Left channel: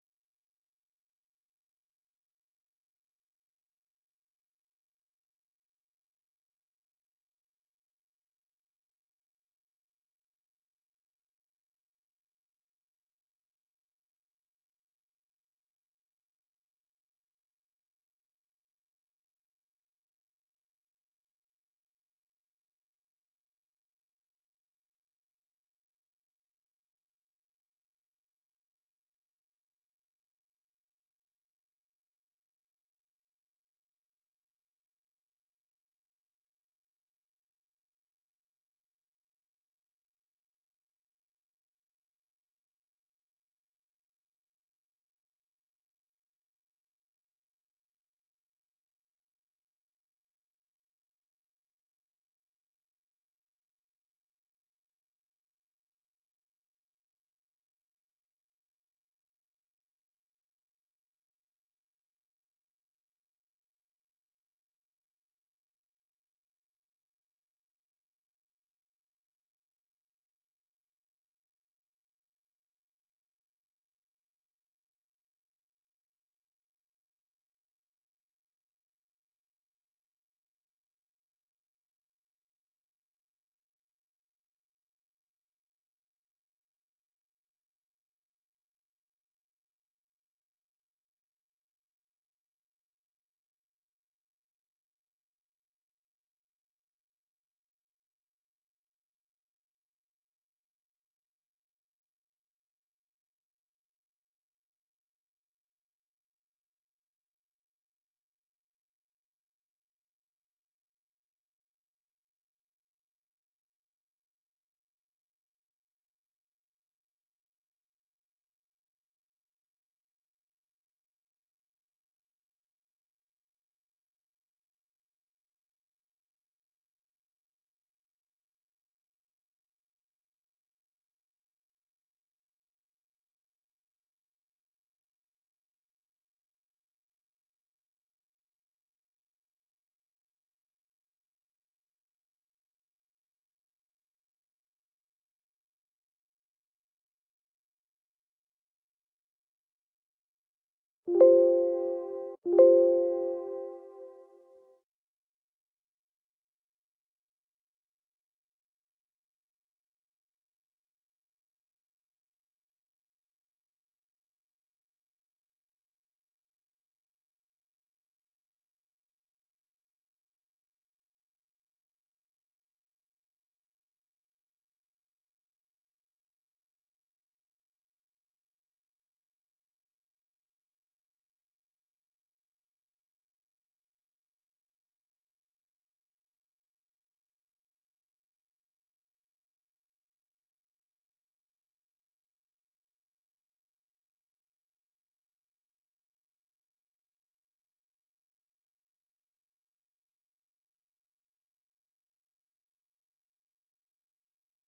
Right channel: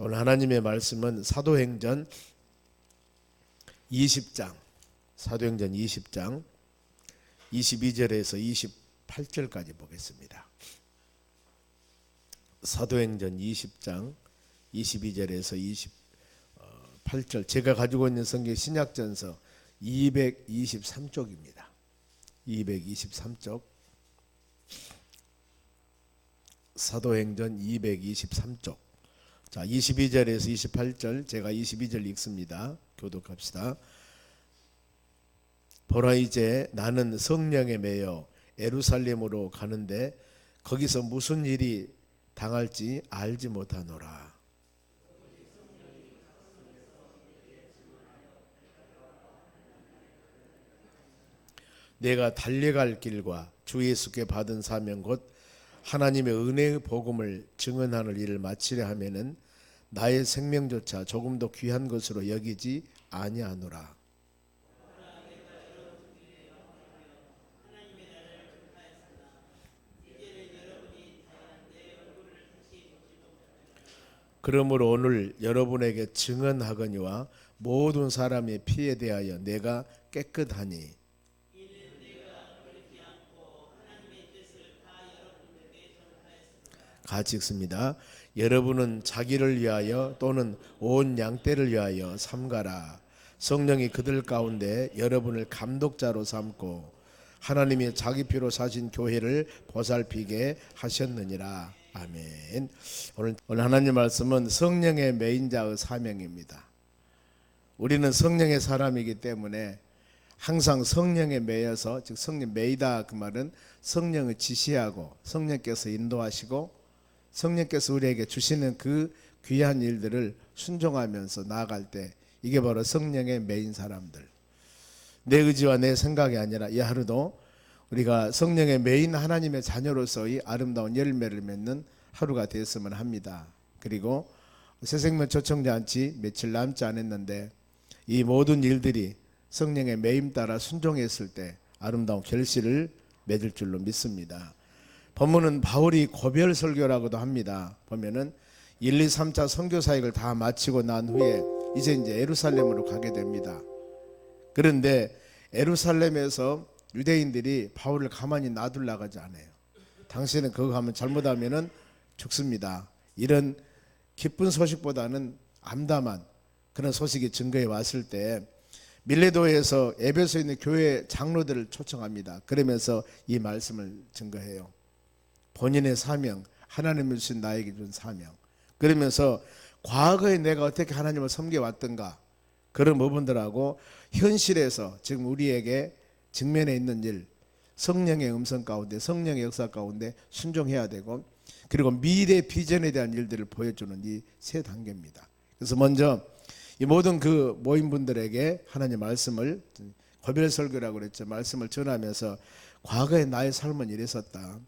오늘 하나님의 말씀은 사도행전 20장 22절에서 28절까지 보겠습니다. 사도행전 20장 22절에서 28절, 제가 가지고 있는 성경 신약전서 223쪽입니다. 223쪽, 사도행전 223쪽. 자, 22절에서 28절, 제가 22절 읽습니다. 교독합시다. 보라, 이제 나는 성령에 매여 예루살렘으로 가는데 거기서 무슨 일이 당할지 알지 못하노라. 내가 달려갈 길과 주 예수께 받은 사명 곧 하나님의 은혜의 복음을 증언하는 일을 마치려 하면은 나의 생명조차 조금 더 귀한 것으로 여기지 아니하노라. 그러므로 오늘 여러분에게 증언하거니와 모든 사람의 피에 대하여 내가 깨끗하니 같이 읽습니다. 여러분은 자기를 위하여 또는 온 양떼를 위하여 삼가라. 성령이 그들 가운데 여러분을 감독자로 삼고 하나님이 자기 피로 사신 교회를 보살피게 하셨느니라. 아멘. 오늘 하나님 말씀은 성령의 매인 자의 사명입니다. 우리는 성령의 사람이기 때문에 항상 성령에 매여서, 즉 성령 매이다, 그 말은 성령을 지시하고 성령께서 인도하시고 성령께서 우리에게 주시는 그 귀한 일들을 순종하면서 나아갈 때, 이게 바로 성령의 매인 사람들. 내 의지와 내 생각이 아니라 이 하루도 우리가 성령의 매인 하나님의 자녀로서의 아름다운 열매를 맺는 하루가 되었으면 합니다. 그리고 새생명 초청잔치 며칠 남지 않았는데 이 모든 일들이 성령의 매임 따라 순종했을 때 아름다운 결실을 맺을 줄로 믿습니다. 본문은 바울이 고별 설교라고도 합니다. 보면은 1, 2, 3차 선교 사역을 다 마치고 난 후에 이제 예루살렘으로 가게 됩니다. 그런데 예루살렘에서 유대인들이 바울을 가만히 놔둘라 하지 않아요. 당신은 그거 하면 잘못하면은 죽습니다. 이런 기쁜 소식보다는 암담한 그런 소식이 증거해 왔을 때 밀레도에서 에베소에 있는 교회 장로들을 초청합니다. 그러면서 이 말씀을 증거해요. 본인의 사명, 하나님이 주신 나에게 준 사명. 그러면서 과거에 내가 어떻게 하나님을 섬겨왔던가, 그런 부분들하고 현실에서 지금 우리에게 직면해 있는 일, 성령의 음성 가운데, 성령의 역사 가운데 순종해야 되고, 그리고 미래 비전에 대한 일들을 보여주는 이 세 단계입니다. 그래서 먼저 이 모든 그 모임분들에게 하나님 말씀을, 고별 설교라고 그랬죠. 말씀을 전하면서 과거에 나의 삶은 이랬었다.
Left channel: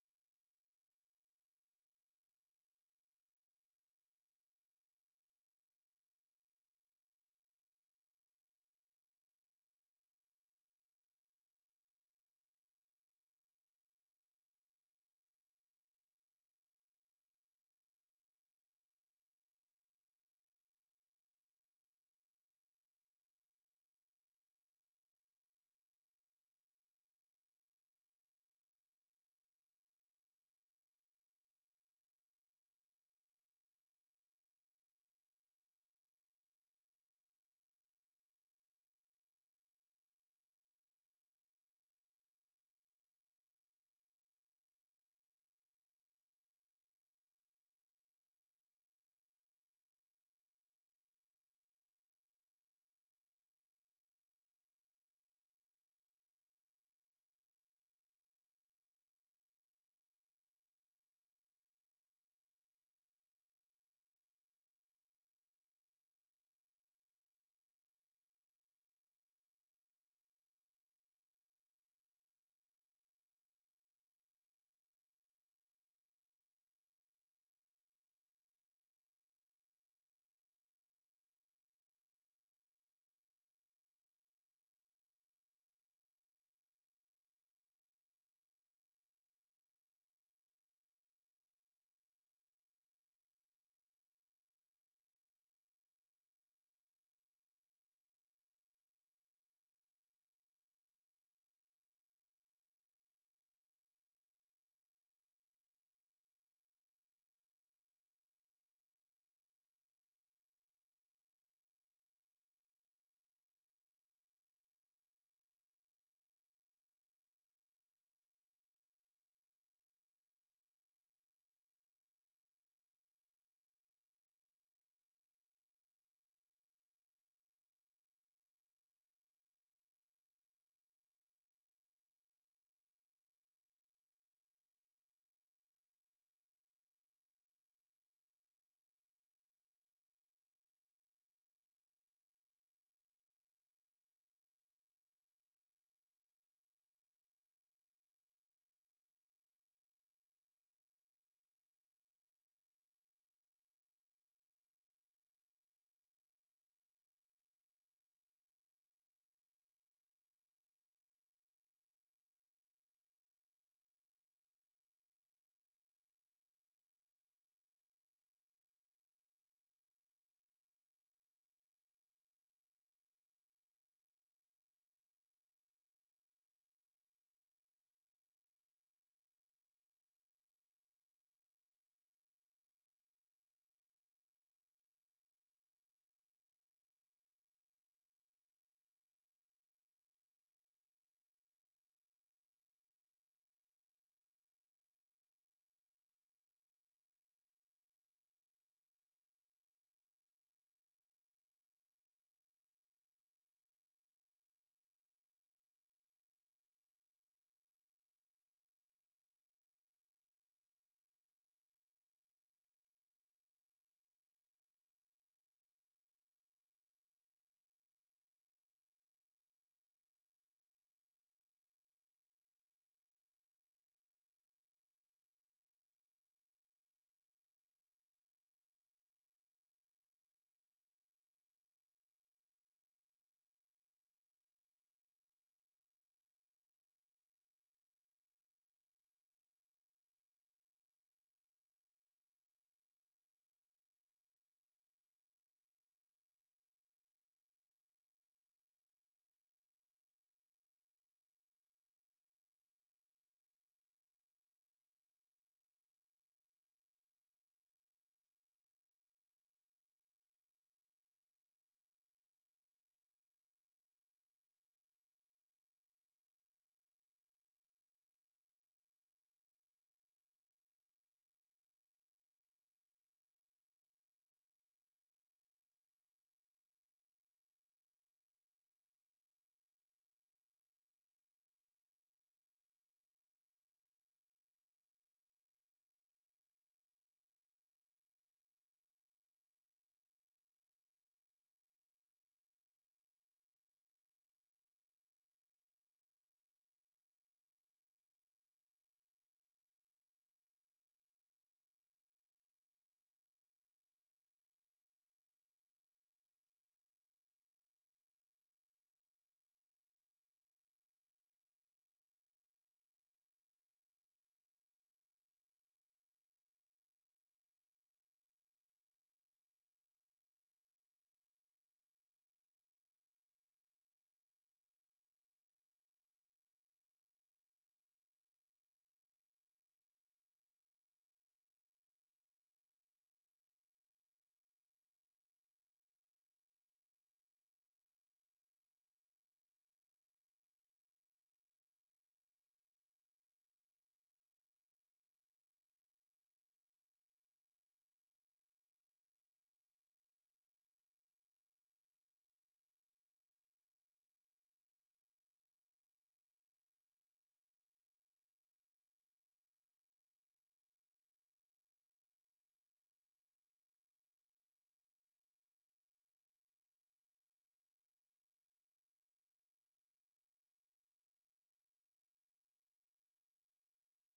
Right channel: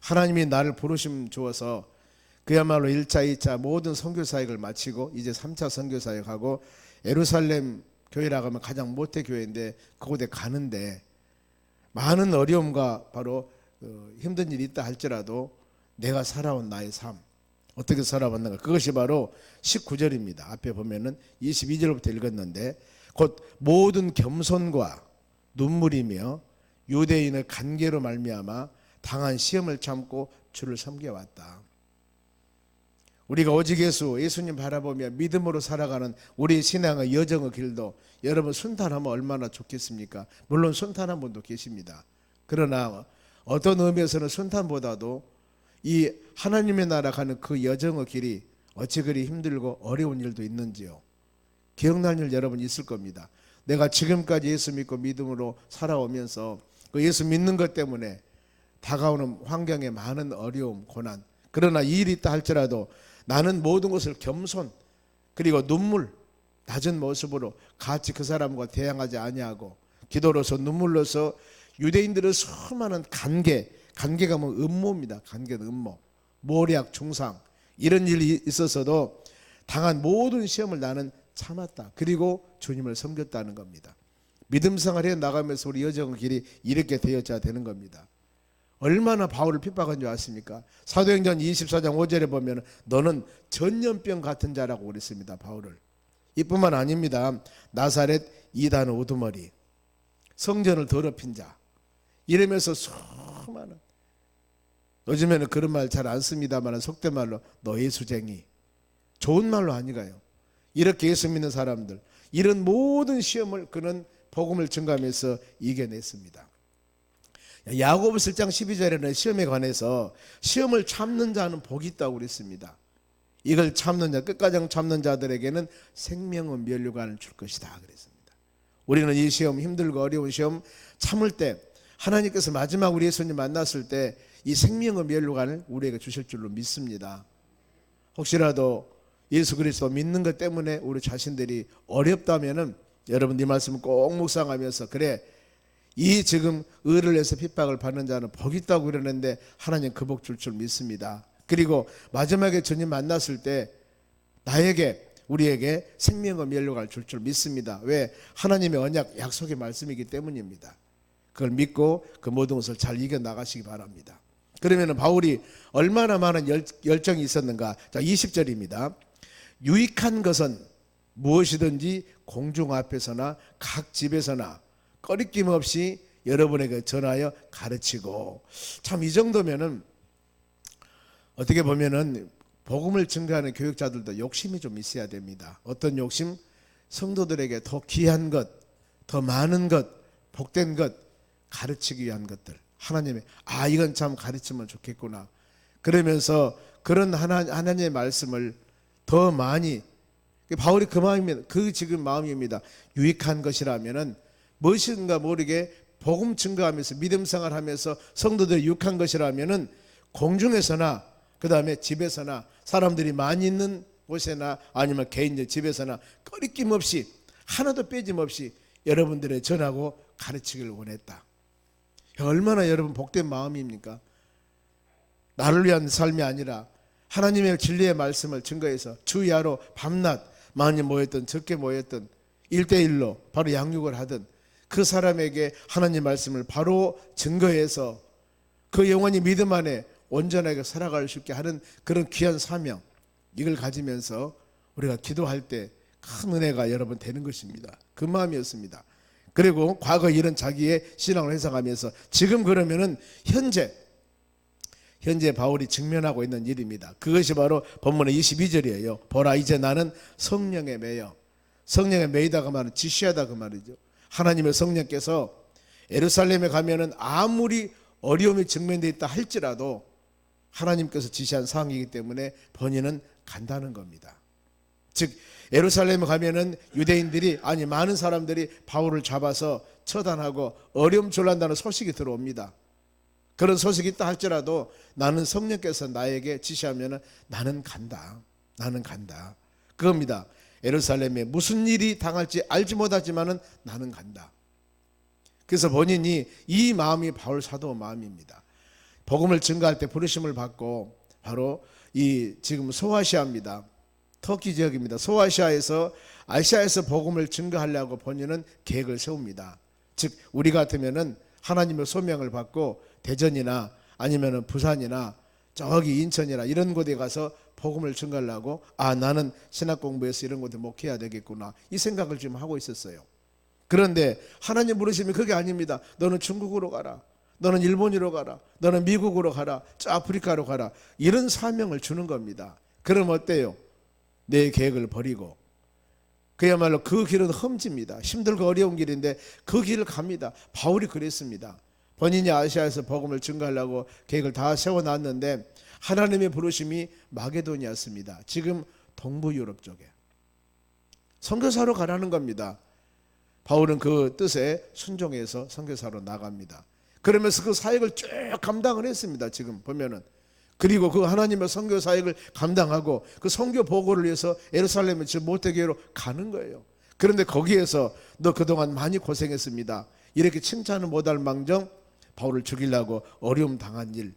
하나님이 나를 부르심 주어서 그야말로 1차, 2차 모든 선교 사역을 마치고 이제 3차 선교 사역하고 예루살렘 교회라고 하면 가장 모태 교회인데 그곳에 가는데 많은 어려움과 바로 힘든 일이 있다 할지라도 내가 살아온 나의 삶, 어떻게 살아왔는가, 그것이 바로 19절입니다. 앞에 보면은 22절부터 읽었는데 곧 모든 겸손과 눈물이며 유대인의 간계로 말미암아 당한 시험을 참고 주를 섬겨왔다. 우리가 오직 예수님 바라보며 믿음으로 살아가는 우리 신앙의 여정의 길도 여러분 순탄하면 얼마나 좋겠습니까? 물론 순탄한 분도 계십니다. 그러나 어떤 의미에서는 순탄보다도 이 하나님의 나라 가는 그 여정의 길이 어찌 그리 힘들고 어려운 일도 있는지요. 기억날 일 여러분 있을 겁니다. 내가 지금까지 예수 믿고 믿음으로 살아오면서 그 예수 믿는 것 때문에 다가오는 환경에 많은 어려움, 고난, 그러나 이 일이 있다 할지라도 나는 모든 것을 겸손 그리고 눈물, 낮은 모습으로 같이 그 사람과 대항하지 아니하고 기도로서 눈물로서 유대인들의 수많은 간계가 뭐 음모입니다. 간계는 음모, 모략, 중상, 이런 일이 있어서도 당한 모든 시험을 나는 참았다. 그리고 주님을 섬겼다는 겁니다. 믿음 생활에 나가면서 우리 여정의 길이 이렇게 되어져야 되는 겁니다. 얼마나 바울을 핍박한 줄 아십니까? 사도행전 24장 5절에 보면 너는 전염병 같은 자라고 그랬습니다. 바울을. 이뿐만 아닙니다. 나사렛 이단 우두머리, 성전을 더럽힌 자, 이러면서 수많은, 요즘에는 그런 말 잘 안 씁니다만 속된 말로 노예수쟁이, 좋은 말로 아니가요. 이렇게 예수 믿는 사람들, 이런 모든 시험을 그는 복음을 증가하면서 이겨냈습니다. 야고보서 1장 12절에는 시험에 관해서 시험을 참는 자는 복이 있다고 그랬습니다. 이걸 참는 자, 끝까지 참는 자들에게는 생명의 면류관을 줄 것이다 그랬습니다. 우리는 이 시험, 힘들고 어려운 시험 참을 때 하나님께서 마지막 우리 예수님 만났을 때 이 생명의 면류관을 우리에게 주실 줄로 믿습니다. 혹시라도 예수 그리스도 믿는 것 때문에 우리 자신들이 어렵다면은 여러분 이 말씀을 꼭 묵상하면서, 그래, 이 지금 의를 위해서 핍박을 받는 자는 복이 있다고 그러는데 하나님 그 복 줄 줄 믿습니다. 그리고 마지막에 주님 만났을 때 나에게, 우리에게 생명의 면류관을 줄 줄 믿습니다. 왜? 하나님의 언약, 약속의 말씀이기 때문입니다. 그걸 믿고 그 모든 것을 잘 이겨나가시기 바랍니다. 그러면 바울이 얼마나 많은 열정이 있었는가. 자, 20절입니다. 유익한 것은 무엇이든지 공중 앞에서나 각 집에서나 꺼리낌 없이 여러분에게 전하여 가르치고. 참 이 정도면은 어떻게 보면은 복음을 증거하는 교육자들도 욕심이 좀 있어야 됩니다. 어떤 욕심? 성도들에게 더 귀한 것, 더 많은 것, 복된 것 가르치기 위한 것들. 하나님의 이건 참 가르치면 좋겠구나. 그러면서 그런 하나님의 말씀을 더 많이, 바울이 그 마음입니다. 그 지금 마음입니다. 유익한 것이라면은 무엇인가 모르게 복음 증거하면서 믿음 생활하면서 성도들이 유익한 것이라면은 공중에서나 그 다음에 집에서나 사람들이 많이 있는 곳에나 아니면 개인적 집에서나 꺼리낌 없이 하나도 빼짐없이 여러분들의 전하고 가르치기를 원했다. 얼마나 여러분 복된 마음입니까? 나를 위한 삶이 아니라 하나님의 진리의 말씀을 증거해서 주야로 밤낮 많이 모였던 적게 모였던 1대1로 바로 양육을 하던 그 사람에게 하나님 말씀을 바로 증거해서 그 영혼이 믿음 안에 온전하게 살아갈 수 있게 하는 그런 귀한 사명, 이걸 가지면서 우리가 기도할 때 큰 은혜가 여러분 되는 것입니다. 그 마음이었습니다. 그리고 과거 일은 자기의 신앙을 회상하면서 지금 그러면은 현재 바울이 직면하고 있는 일입니다. 그것이 바로 본문의 22절이에요. 보라, 이제 나는 성령에 매여. 성령에 매이다가 말은 지시하다 그 말이죠. 하나님의 성령께서 예루살렘에 가면은 아무리 어려움이 직면되어 있다 할지라도 하나님께서 지시한 사항이기 때문에 본인은 간다는 겁니다. 즉 예루살렘에 가면은 유대인들이, 아니 많은 사람들이 바울을 잡아서 처단하고 어려움졸란다는 소식이 들어옵니다. 그런 소식이 있다 할지라도 나는 성령께서 나에게 지시하면 나는 간다. 나는 간다. 그겁니다. 예루살렘에 무슨 일이 당할지 알지 못하지만은 나는 간다. 그래서 본인이 이 마음이 바울 사도의 마음입니다. 복음을 증거할 때 부르심을 받고 바로 이 지금 소아시아입니다. 터키 지역입니다. 소아시아에서 아시아에서 복음을 증거하려고 본인은 계획을 세웁니다. 즉 우리 같으면은 하나님의 소명을 받고 대전이나 아니면은 부산이나 저기 인천이나 이런 곳에 가서 복음을 증거하려고 나는 신학 공부해서 이런 곳에 목회해야 되겠구나 이 생각을 지금 하고 있었어요. 그런데 하나님 부르심이 그게 아닙니다. 너는 중국으로 가라. 너는 일본으로 가라. 너는 미국으로 가라. 저 아프리카로 가라. 이런 사명을 주는 겁니다. 그럼 어때요? 내 계획을 버리고 그야말로 그 길은 험지입니다. 힘들고 어려운 길인데 그 길을 갑니다. 바울이 그랬습니다. 본인이 아시아에서 복음을 증거하려고 계획을 다 세워놨는데 하나님의 부르심이 마게도니아였습니다. 지금 동부 유럽 쪽에 선교사로 가라는 겁니다. 바울은 그 뜻에 순종해서 선교사로 나갑니다. 그러면서 그 사역을 쭉 감당을 했습니다. 지금 보면은. 그리고 그 하나님의 선교 사역을 감당하고 그 선교 보고를 위해서 예루살렘의 저 모태교회로 가는 거예요. 그런데 거기에서 너 그동안 많이 고생했습니다. 이렇게 칭찬을 못할 망정 바울을 죽이려고 어려움 당한 일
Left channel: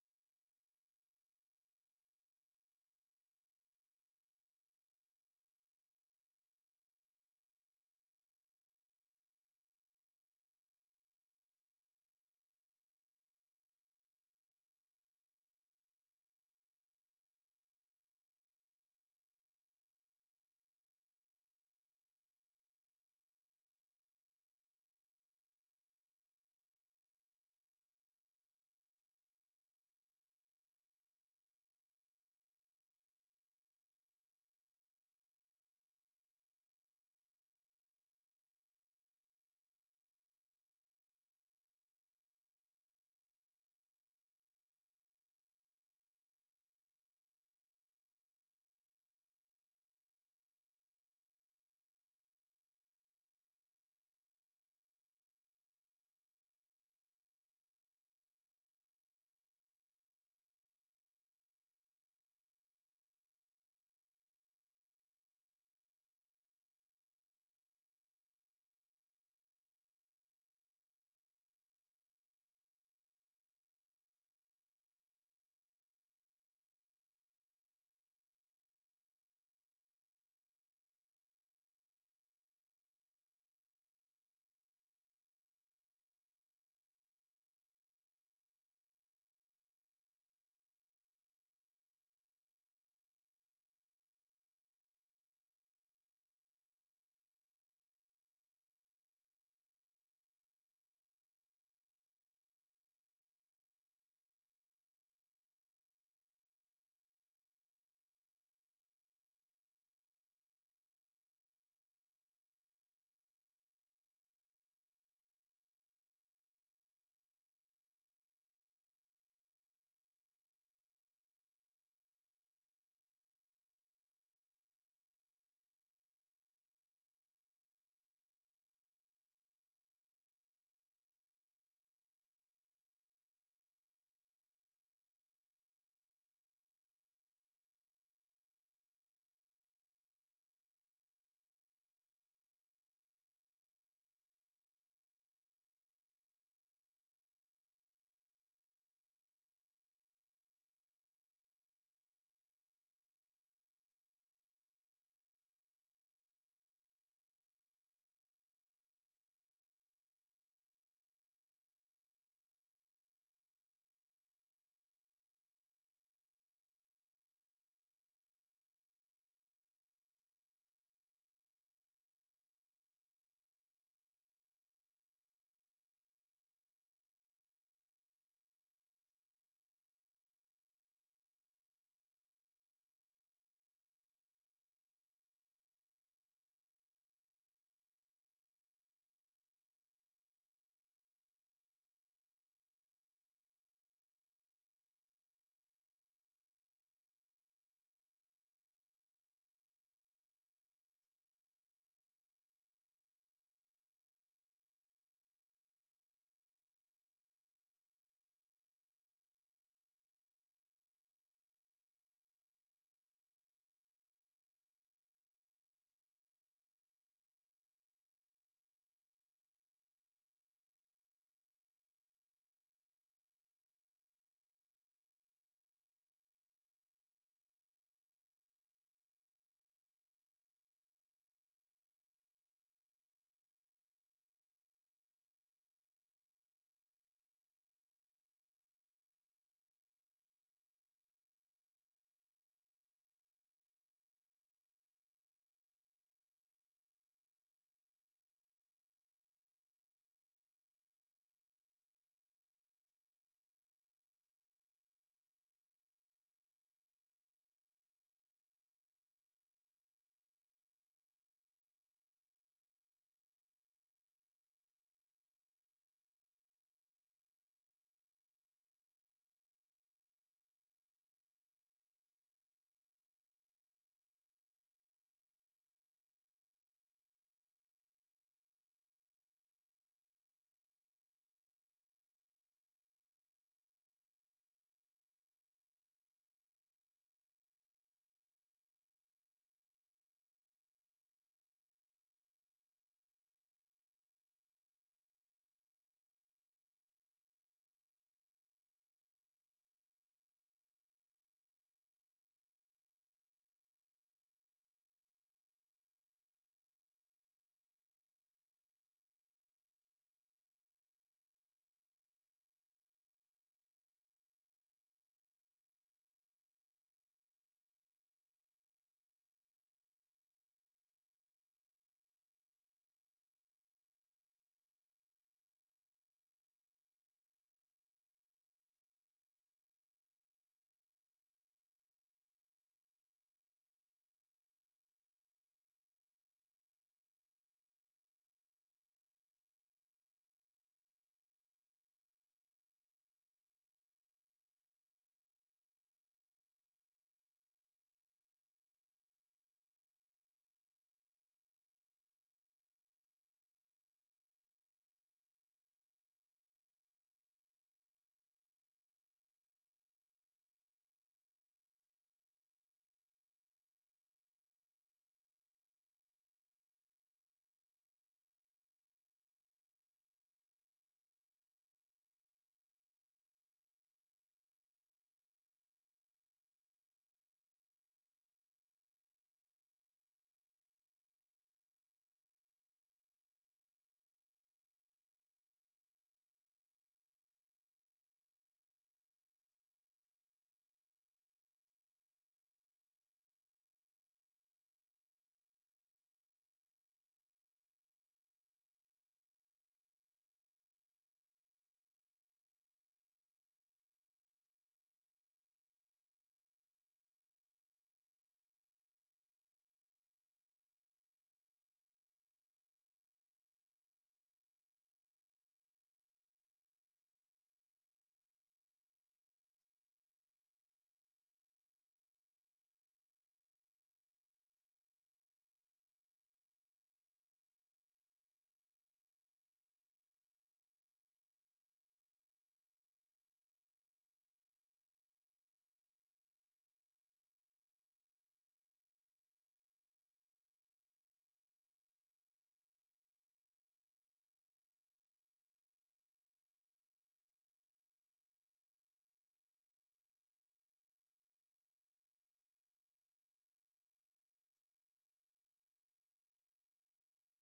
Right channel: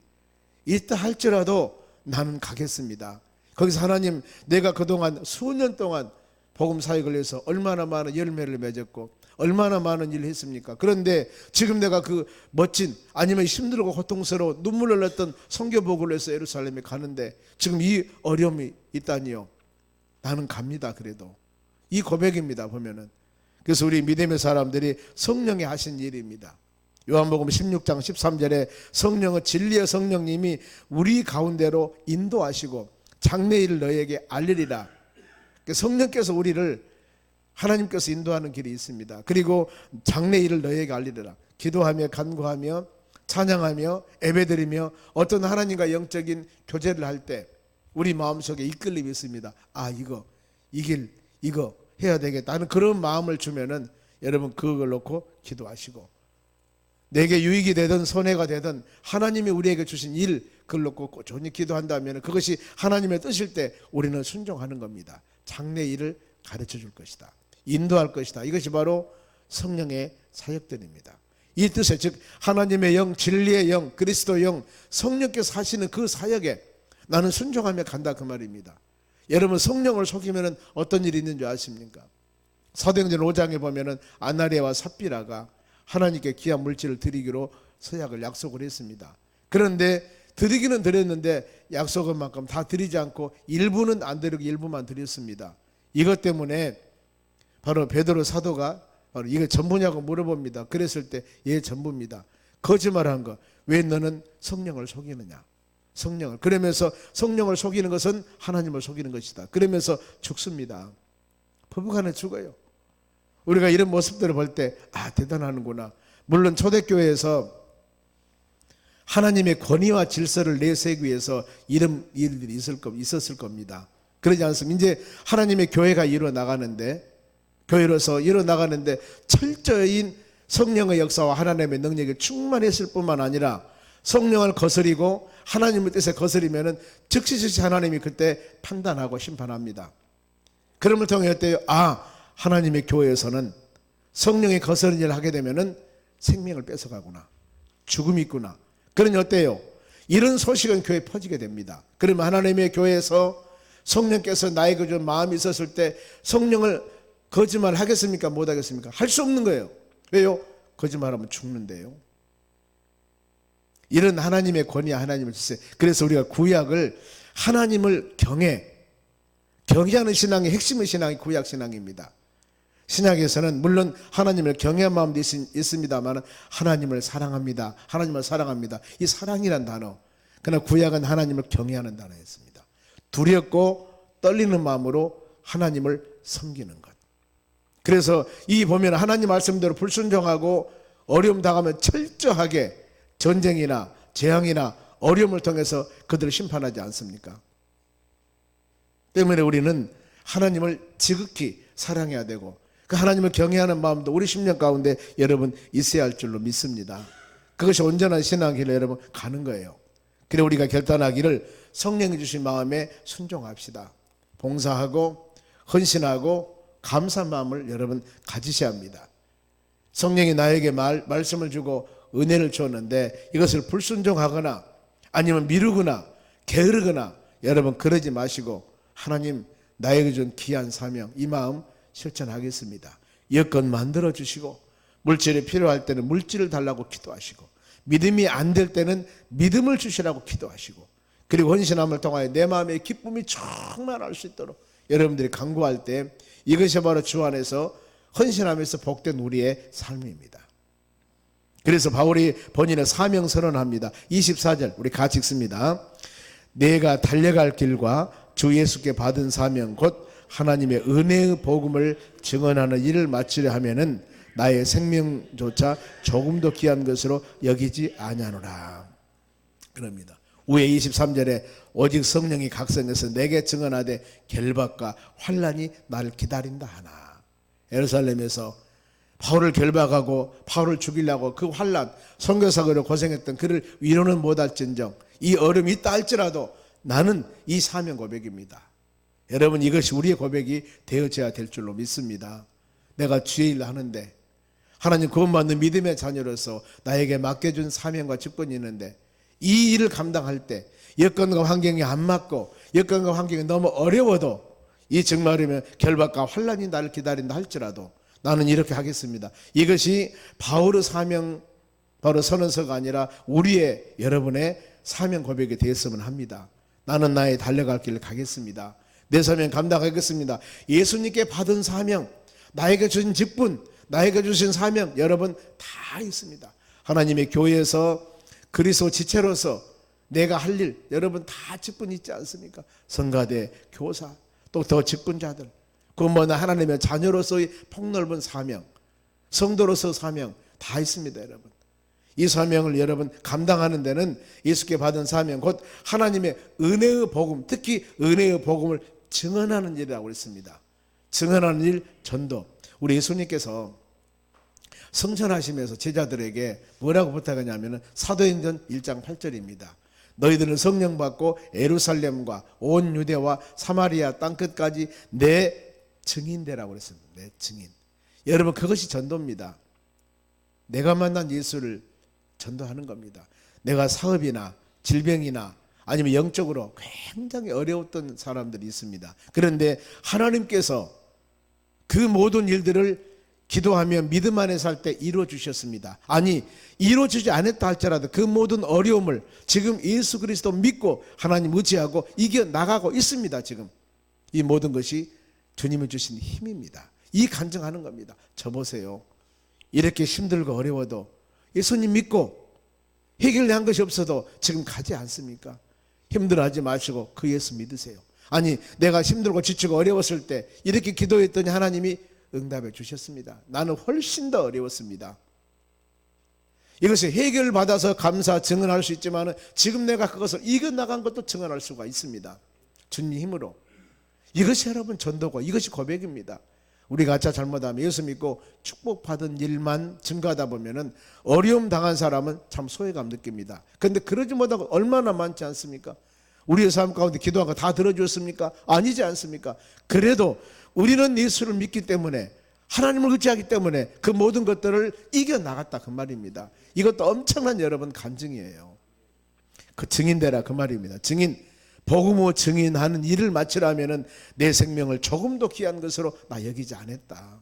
있다 할지라도 나는 가겠습니다. 거기서 하나님, 내가 그동안 수년 동안 복음 사역을 위해서 얼마나 많은 열매를 맺었고 얼마나 많은 일을 했습니까? 그런데 지금 내가 그 멋진, 아니면 힘들고 고통스러워 눈물 흘렸던 선교복으로 해서 예루살렘에 가는데 지금 이 어려움이 있다니요. 나는 갑니다. 그래도 이 고백입니다. 보면은. 그래서 우리 믿음의 사람들이 성령이 하신 일입니다. 요한복음 16장 13절에 성령은 진리의 성령님이 우리 가운데로 인도하시고 장래일을 너에게 알리리라. 성령께서 우리를, 하나님께서 인도하는 길이 있습니다. 그리고 장래일을 너에게 알리리라. 기도하며 간구하며 찬양하며 예배드리며 어떤 하나님과 영적인 교제를 할 때 우리 마음속에 이끌림이 있습니다. 아, 이 길 이거 해야 되겠다 하는 그런 마음을 주면은 여러분 그걸 놓고 기도하시고, 내게 유익이 되든 손해가 되든 하나님이 우리에게 주신 일 그걸 놓고 꾸준히 기도한다면 그것이 하나님의 뜻일 때 우리는 순종하는 겁니다. 장래 일을 가르쳐 줄 것이다, 인도할 것이다. 이것이 바로 성령의 사역들입니다. 이 뜻에, 즉 하나님의 영, 진리의 영, 그리스도 영, 성령께서 하시는 그 사역에 나는 순종하며 간다, 그 말입니다. 여러분 성령을 속이면 어떤 일이 있는 줄 아십니까? 사도행전 5장에 보면은 아나니아와 삽비라가 하나님께 귀한 물질을 드리기로 서약을 약속을 했습니다. 그런데 드리기는 드렸는데 약속한 만큼 다 드리지 않고 일부는 안 드리고 일부만 드렸습니다. 이것 때문에 바로 베드로 사도가 바로 이거 전부냐고 물어봅니다. 그랬을 때 예, 전부입니다. 거짓말한 거, 왜 너는 성령을 속이느냐? 성령을, 그러면서 성령을 속이는 것은 하나님을 속이는 것이다. 그러면서 죽습니다. 부부간에 죽어요. 우리가 이런 모습들을 볼 때 아, 대단하는구나. 물론 초대교회에서 하나님의 권위와 질서를 내세우기 위해서 이런 일들이 있었을 겁니다. 그러지 않습니까? 이제 하나님의 교회가 일어나가는데, 교회로서 일어나가는데 철저히 성령의 역사와 하나님의 능력이 충만했을 뿐만 아니라 성령을 거스리고 하나님의 뜻에 거스리면은 즉시 하나님이 그때 판단하고 심판합니다. 그럼을 통해 어때요? 아, 하나님의 교회에서는 성령의 거스른 일을 하게 되면은 생명을 뺏어가구나, 죽음이 있구나. 그러니 어때요? 이런 소식은 교회에 퍼지게 됩니다. 그러면 하나님의 교회에서 성령께서 나에게 준 마음이 있었을 때 성령을 거짓말 하겠습니까? 못 하겠습니까? 할 수 없는 거예요. 왜요? 거짓말하면 죽는데요. 이런 하나님의 권위와 하나님을 주세요. 그래서 우리가 구약을 하나님을 경외하는 신앙의 핵심의 신앙이 구약 신앙입니다. 신약에서는 물론 하나님을 경외한 마음도 있습니다만 하나님을 사랑합니다. 하나님을 사랑합니다. 이 사랑이란 단어. 그러나 구약은 하나님을 경외하는 단어였습니다. 두렵고 떨리는 마음으로 하나님을 섬기는 것. 그래서 이 보면 하나님 말씀대로 불순종하고 어려움 당하면 철저하게 전쟁이나 재앙이나 어려움을 통해서 그들을 심판하지 않습니까? 때문에 우리는 하나님을 지극히 사랑해야 되고 그 하나님을 경외하는 마음도 우리 심령 가운데 여러분 있어야 할 줄로 믿습니다. 그것이 온전한 신앙길로 여러분 가는 거예요. 그래 우리가 결단하기를 성령이 주신 마음에 순종합시다. 봉사하고 헌신하고 감사한 마음을 여러분 가지셔야 합니다. 성령이 나에게 말씀을 주고 은혜를 주었는데 이것을 불순종하거나 아니면 미루거나 게으르거나 여러분 그러지 마시고 하나님 나에게 준 귀한 사명 이 마음 실천하겠습니다. 여건 만들어 주시고 물질이 필요할 때는 물질을 달라고 기도하시고 믿음이 안 될 때는 믿음을 주시라고 기도하시고 그리고 헌신함을 통하여 내 마음의 기쁨이 충만할 수 있도록 여러분들이 간구할 때 이것이 바로 주 안에서 헌신하면서 복된 우리의 삶입니다. 그래서 바울이 본인의 사명 선언합니다. 24절 우리 같이 읽습니다. 내가 달려갈 길과 주 예수께 받은 사명 곧 하나님의 은혜의 복음을 증언하는 일을 마치려 하면은 나의 생명조차 조금도 귀한 것으로 여기지 아니하노라. 그럽니다. 위에 23절에 오직 성령이 각성해서 내게 증언하되 결박과 환난이 나를 기다린다 하나. 예루살렘에서 바울을 결박하고 바울을 죽이려고 그 환난 선교사로 고생했던 그를 위로는 못할진정 이 어려움이 있다 할지라도 나는 이 사명 고백입니다. 여러분 이것이 우리의 고백이 되어져야 될 줄로 믿습니다. 내가 주의 일을 하는데 하나님 구원받는 믿음의 자녀로서 나에게 맡겨준 사명과 직분이 있는데 이 일을 감당할 때 여건과 환경이 안 맞고 여건과 환경이 너무 어려워도 이 정말이면 결박과 환난이 나를 기다린다 할지라도 나는 이렇게 하겠습니다. 이것이 바울의 사명, 바로 선언서가 아니라 우리의, 여러분의 사명 고백이 되었으면 합니다. 나는 나의 달려갈 길을 가겠습니다. 내 사명 감당하겠습니다. 예수님께 받은 사명, 나에게 주신 직분, 나에게 주신 사명, 여러분 다 있습니다. 하나님의 교회에서 그리스도 지체로서 내가 할 일, 여러분 다 직분 있지 않습니까? 성가대, 교사, 또 더 직분자들, 그 뭐나 하나님의 자녀로서의 폭넓은 사명, 성도로서 사명 다 있습니다. 여러분 이 사명을 여러분 감당하는 데는 예수께 받은 사명, 곧 하나님의 은혜의 복음, 특히 은혜의 복음을 증언하는 일이라고 했습니다. 증언하는 일, 전도. 우리 예수님께서 성천하시면서 제자들에게 뭐라고 부탁하냐면 사도행전 1장 8절입니다. 너희들은 성령 받고 예루살렘과 온 유대와 사마리아 땅끝까지 내 증인되라고 그랬습니다. 내 증인. 여러분 그것이 전도입니다. 내가 만난 예수를 전도하는 겁니다. 내가 사업이나 질병이나 아니면 영적으로 굉장히 어려웠던 사람들이 있습니다. 그런데 하나님께서 그 모든 일들을 기도하며 믿음 안에 살 때 이루어 주셨습니다. 아니 이루어지지 않았다 할지라도 그 모든 어려움을 지금 예수 그리스도 믿고 하나님 의지하고 이겨나가고 있습니다. 지금 이 모든 것이 주님이 주신 힘입니다. 이 간증하는 겁니다. 저 보세요. 이렇게 힘들고 어려워도 예수님 믿고 해결한 것이 없어도 지금 가지 않습니까? 힘들어하지 마시고 그 예수 믿으세요. 아니 내가 힘들고 지치고 어려웠을 때 이렇게 기도했더니 하나님이 응답해 주셨습니다. 나는 훨씬 더 어려웠습니다. 이것이 해결받아서 감사 증언할 수 있지만 지금 내가 그것을 이겨나간 것도 증언할 수가 있습니다. 주님 힘으로. 이것이 여러분 전도고 이것이 고백입니다. 우리가 가짜 잘못하면 예수 믿고 축복받은 일만 증가하다 보면은 어려움 당한 사람은 참 소외감 느낍니다. 그런데 그러지 못하고 얼마나 많지 않습니까? 우리의 삶 가운데 기도한 거 다 들어주었습니까? 아니지 않습니까? 그래도 우리는 예수를 믿기 때문에 하나님을 의지하기 때문에 그 모든 것들을 이겨나갔다 그 말입니다. 이것도 엄청난 여러분 간증이에요. 그 증인되라 그 말입니다. 증인, 복음으로 증인하는 일을 마치라면은 내 생명을 조금도 귀한 것으로 나 여기지 않았다.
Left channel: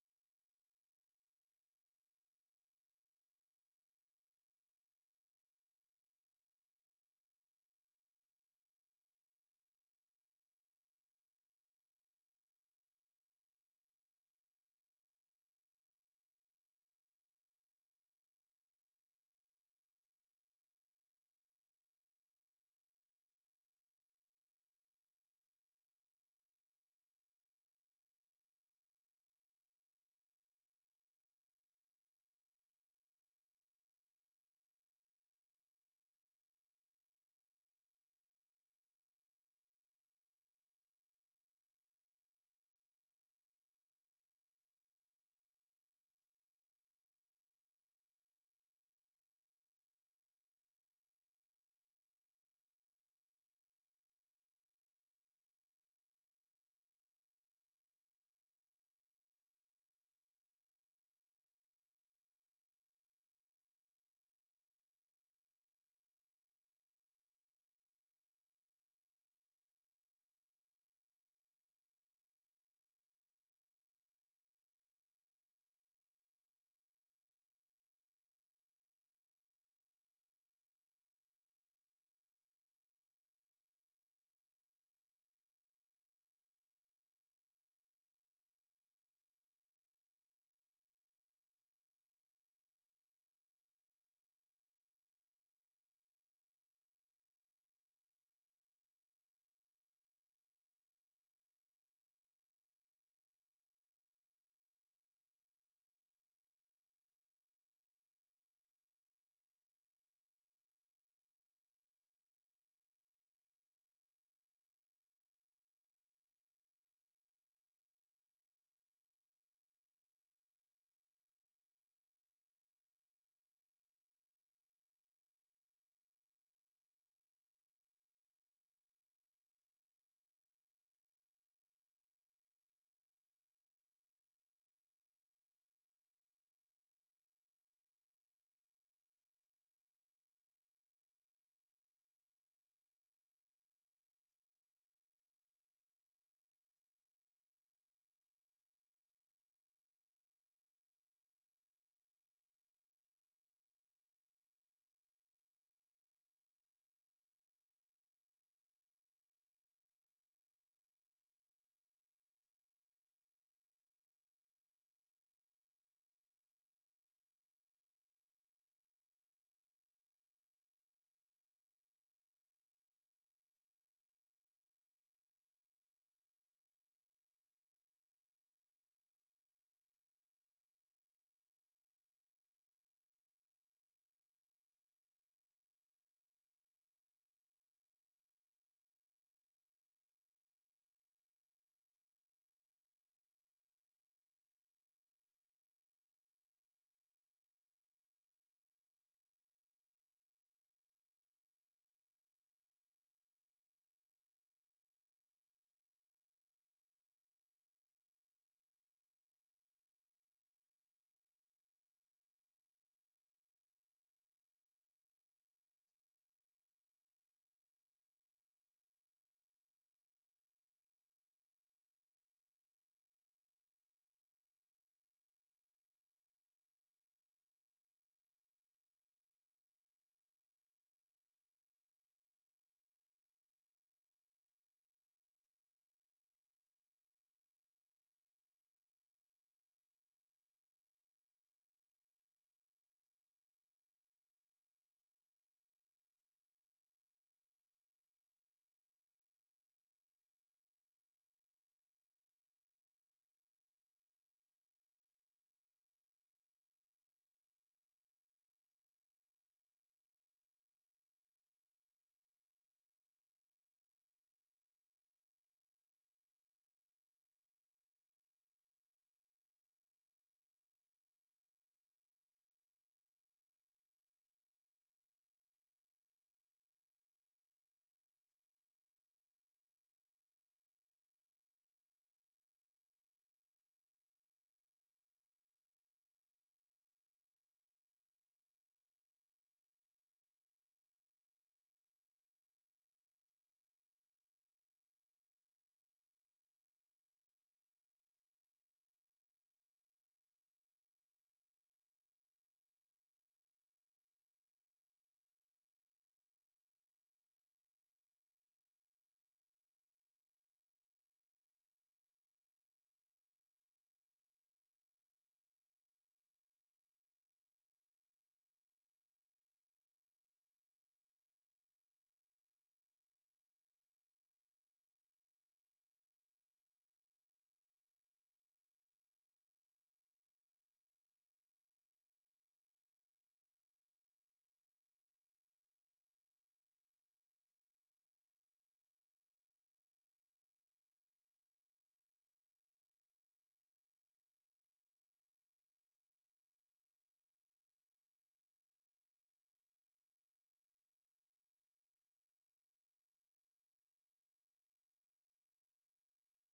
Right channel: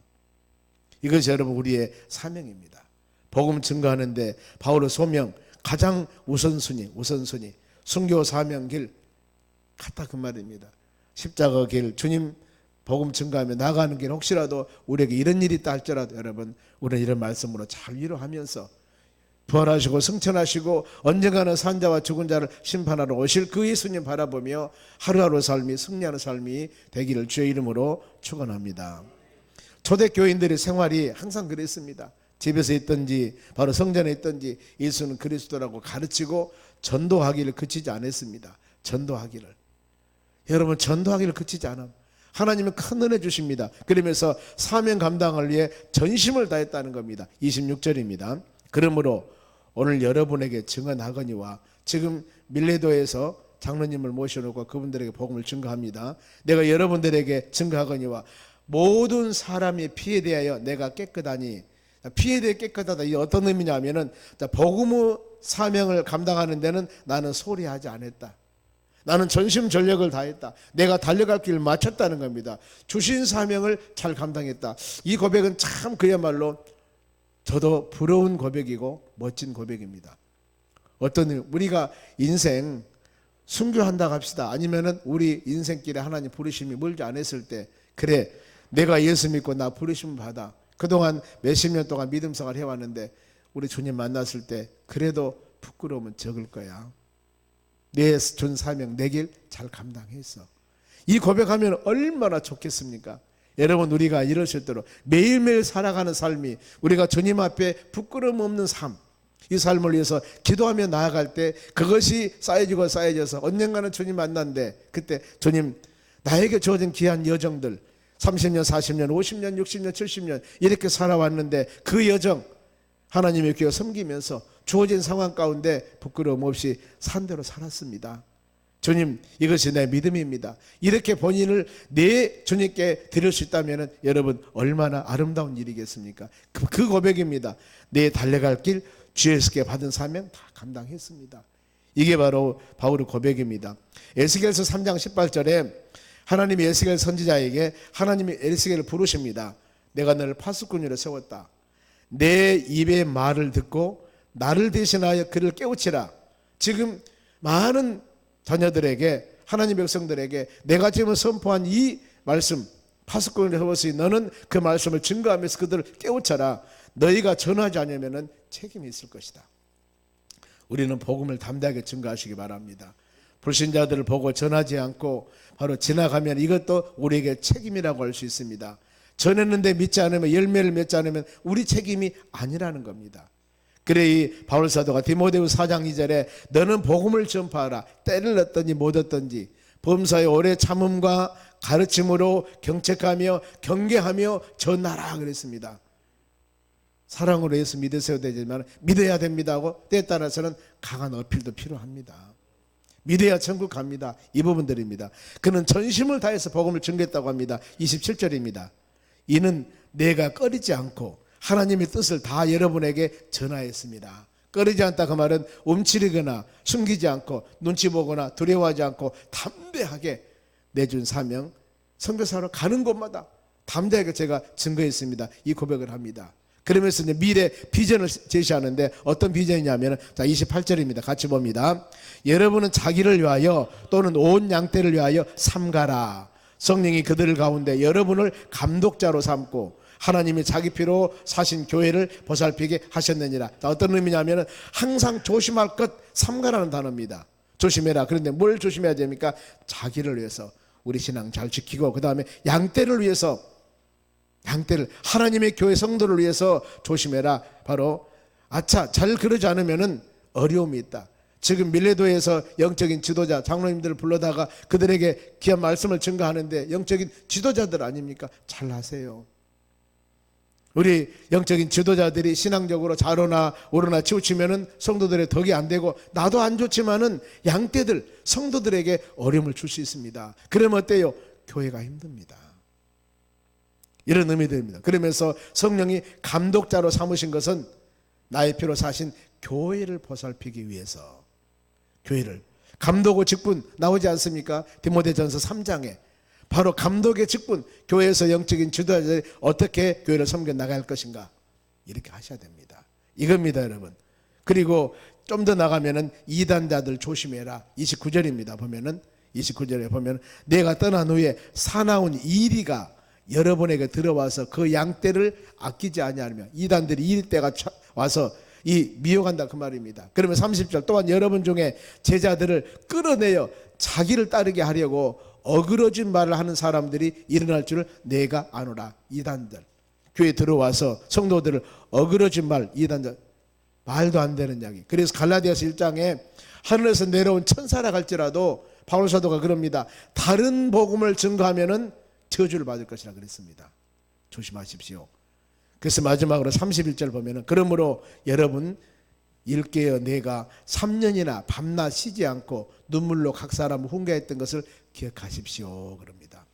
이것이 여러분 우리의 사명입니다. 복음 증거하는데 바울의 소명 가장 우선순위 순교 사명 길 같다 그 말입니다. 십자가 길, 주님 복음 증거하며 나가는 길, 혹시라도 우리에게 이런 일이 있다 할지라도 여러분 우리는 이런 말씀으로 잘 위로하면서 부활하시고 승천하시고 언젠가는 산자와 죽은 자를 심판하러 오실 그 예수님 바라보며 하루하루 삶이 승리하는 삶이 되기를 주의 이름으로 축원합니다. 초대교인들의 생활이 항상 그랬습니다. 집에서 있든지 바로 성전에 있든지 예수는 그리스도라고 가르치고 전도하기를 그치지 않았습니다. 전도하기를. 여러분 전도하기를 그치지 않아. 하나님은 큰 은혜 주십니다. 그러면서 사명 감당을 위해 전심을 다했다는 겁니다. 26절입니다. 그러므로 오늘 여러분에게 증언하거니와, 지금 밀레도에서 장로님을 모셔놓고 그분들에게 복음을 증거합니다. 내가 여러분들에게 증거하거니와 모든 사람의 피에 대하여 내가 깨끗하니, 피에 대해 깨끗하다 이 어떤 의미냐면은 복음의 사명을 감당하는 데는 나는 소홀히 하지 않았다. 나는 전심 전력을 다했다. 내가 달려갈 길을 마쳤다는 겁니다. 주신 사명을 잘 감당했다. 이 고백은 참 그야말로 저도 부러운 고백이고 멋진 고백입니다. 어떤 우리가 인생 순교한다 합시다. 아니면은 우리 인생길에 하나님 부르심이 멀지 않았을 때, 그래 내가 예수 믿고 나 부르심 받아 그동안 몇십 년 동안 믿음 생활 해왔는데 우리 주님 만났을 때 그래도 부끄러움은 적을 거야. 내 준 사명 내 길 잘 감당했어. 이 고백하면 얼마나 좋겠습니까? 여러분 우리가 이러실 대로 매일매일 살아가는 삶이 우리가 주님 앞에 부끄러움 없는 삶, 이 삶을 위해서 기도하며 나아갈 때 그것이 쌓여지고 쌓여져서 언젠가는 주님 만난데, 그때 주님 나에게 주어진 귀한 여정들 30년 40년 50년 60년 70년 이렇게 살아왔는데 그 여정 하나님의 교회 섬기면서 주어진 상황 가운데 부끄러움 없이 산 대로 살았습니다. 주님 이것이 내 믿음입니다. 이렇게 본인을 내 주님께 드릴 수 있다면 여러분 얼마나 아름다운 일이겠습니까? 그 고백입니다. 내 달려갈 길 주 예수께 받은 사명 다 감당했습니다. 이게 바로 바울의 고백입니다. 에스겔서 3장 18절에 하나님이 에스겔 선지자에게 하나님이 에스겔을 부르십니다. 내가 너를 파수꾼으로 세웠다. 내 입의 말을 듣고 나를 대신하여 그를 깨우치라. 지금 많은 자녀들에게, 하나님 백성들에게 내가 지금 선포한 이 말씀, 파수꾼을 세웠으니 너는 그 말씀을 증거하면서 그들을 깨우쳐라. 너희가 전하지 않으면 책임이 있을 것이다. 우리는 복음을 담대하게 증거하시기 바랍니다. 불신자들을 보고 전하지 않고 바로 지나가면 이것도 우리에게 책임이라고 할 수 있습니다. 전했는데 믿지 않으면, 열매를 맺지 않으면 우리 책임이 아니라는 겁니다. 그래 이 바울 사도가 디모데후 4장 2절에 너는 복음을 전파하라. 때를 얻든지 못 얻든지 범사의 오래 참음과 가르침으로 경책하며 경계하며 전하라 그랬습니다. 사랑으로 예수 믿으셔야 되지만 믿어야 됩니다 하고 때에 따라서는 강한 어필도 필요합니다. 믿어야 천국 갑니다. 이 부분들입니다. 그는 전심을 다해서 복음을 전개했다고 합니다. 27절입니다. 이는 내가 꺼리지 않고 하나님의 뜻을 다 여러분에게 전하였습니다. 꺼리지 않다 그 말은 움츠리거나 숨기지 않고 눈치 보거나 두려워하지 않고 담대하게 내준 사명, 선교사로 가는 곳마다 담대하게 제가 증거했습니다. 이 고백을 합니다. 그러면서 이제 미래 비전을 제시하는데 어떤 비전이냐면, 자 28절입니다. 같이 봅니다. 여러분은 자기를 위하여 또는 온 양떼를 위하여 삼가라. 성령이 그들 가운데 여러분을 감독자로 삼고 하나님이 자기 피로 사신 교회를 보살피게 하셨느니라. 자, 어떤 의미냐면 항상 조심할 것, 삼가라는 단어입니다. 조심해라. 그런데 뭘 조심해야 됩니까? 자기를 위해서 우리 신앙 잘 지키고, 그 다음에 양떼를 위해서, 양떼를, 하나님의 교회 성도를 위해서 조심해라. 바로 아차 잘 그러지 않으면 어려움이 있다. 지금 밀레도에서 영적인 지도자 장로님들을 불러다가 그들에게 귀한 말씀을 증거하는데 영적인 지도자들 아닙니까? 잘 하세요. 우리 영적인 지도자들이 신앙적으로 좌로나 우로나 치우치면은 성도들의 덕이 안 되고 나도 안 좋지만은 양떼들 성도들에게 어려움을 줄 수 있습니다. 그러면 어때요? 교회가 힘듭니다. 이런 의미들입니다. 그러면서 성령이 감독자로 삼으신 것은 나의 피로 사신 교회를 보살피기 위해서, 교회를, 감독의 직분 나오지 않습니까? 디모데전서 3장에 바로 감독의 직분, 교회에서 영적인 지도자들이 어떻게 교회를 섬겨 나갈 것인가, 이렇게 하셔야 됩니다. 이겁니다 여러분. 그리고 좀 더 나가면은 이단자들 조심해라. 29절입니다. 보면은 29절에 보면 내가 떠난 후에 사나운 이리가 여러분에게 들어와서 그 양떼를 아끼지 아니하며, 이단들이 이리 때가 와서 이 미혹한다 그 말입니다. 그러면 30절 또한 여러분 중에 제자들을 끌어내어 자기를 따르게 하려고 어그러진 말을 하는 사람들이 일어날 줄을 내가 아노라. 이단들 교회에 들어와서 성도들을 어그러진 말, 이단들, 말도 안 되는 이야기. 그래서 갈라디아서 1장에 하늘에서 내려온 천사라 할지라도 바울 사도가 그럽니다. 다른 복음을 증거하면은 저주를 받을 것이라 그랬습니다. 조심하십시오. 그래서 마지막으로 31절 보면은 그러므로 여러분 일깨어 내가 3년이나 밤낮 쉬지 않고 눈물로 각 사람을 훈계했던 것을 기억하십시오 그럽니다.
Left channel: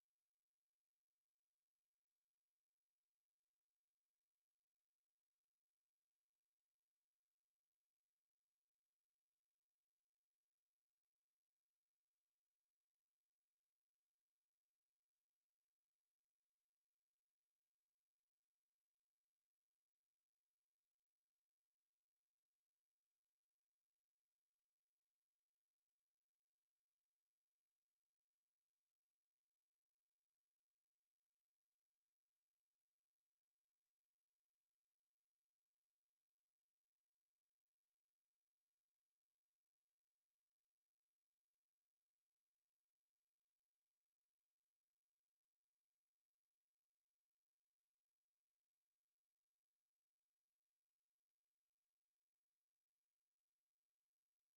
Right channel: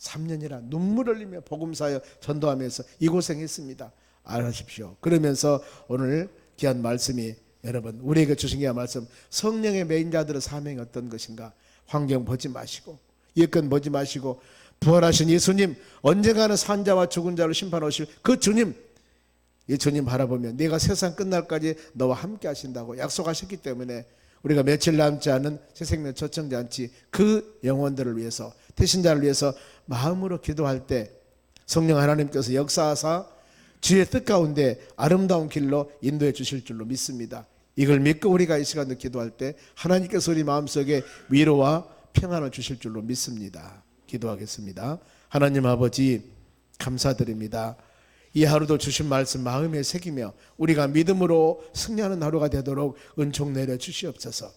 3년이나 눈물 흘리며 복음사여 전도하면서 이 고생했습니다. 알아십시오. 그러면서 오늘 귀한 말씀이 여러분 우리에게 주신 귀한 말씀, 성령의 메인자들의 사명이 어떤 것인가. 환경 보지 마시고 여건 보지 마시고 부활하신 예수님, 언젠가는 산자와 죽은 자를 심판하실 그 주님, 이 주님 바라보면 내가 세상 끝날까지 너와 함께 하신다고 약속하셨기 때문에 우리가 며칠 남지 않은 새 생명 초청잔치 그 영혼들을 위해서, 태신자를 위해서 마음으로 기도할 때 성령 하나님께서 역사하사 주의 뜻 가운데 아름다운 길로 인도해 주실 줄로 믿습니다. 이걸 믿고 우리가 이 시간에 기도할 때 하나님께서 우리 마음속에 위로와 평안을 주실 줄로 믿습니다. 기도하겠습니다. 하나님 아버지 감사드립니다. 이 하루도 주신 말씀 마음에 새기며 우리가 믿음으로 승리하는 하루가 되도록 은총 내려 주시옵소서.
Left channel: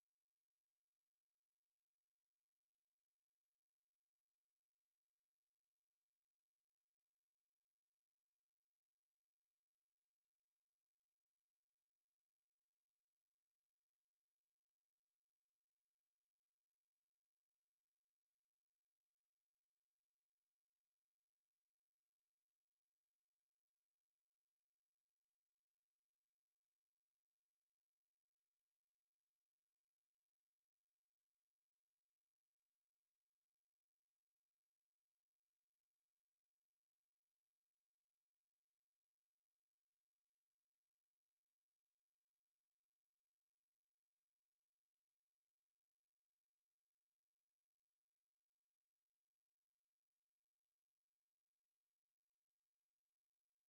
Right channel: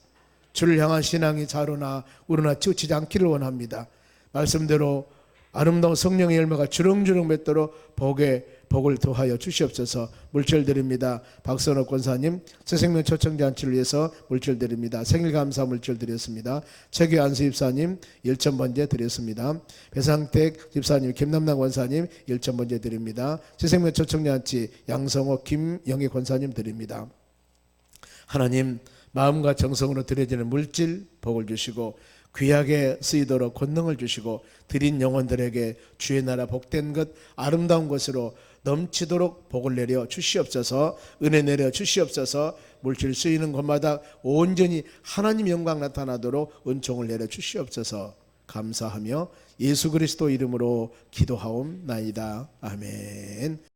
주를 향한 신앙이 좌로나 우로나 치우치지 않기를 원합니다. 말씀대로 아름다운 성령의 열매가 주렁주렁 맺도록 복을 더하여 주시옵소서. 물질 드립니다. 박선호 권사님 새생명 초청잔치를 위해서 물질 드립니다. 생일감사 물질 드렸습니다. 최규 안수 집사님 1,000번째 드렸습니다. 배상택 집사님, 김남남 권사님 1,000번째 드립니다. 새생명 초청잔치 양성호 김영희 권사님 드립니다. 하나님 마음과 정성으로 드려지는 물질 복을 주시고 귀하게 쓰이도록 권능을 주시고 드린 영혼들에게 주의 나라 복된 것 아름다운 것으로 넘치도록 복을 내려 주시옵소서. 은혜 내려 주시옵소서. 물질 쓰이는 곳마다 온전히 하나님 영광 나타나도록 은총을 내려 주시옵소서. 감사하며 예수 그리스도 이름으로 기도하옵나이다. 아멘.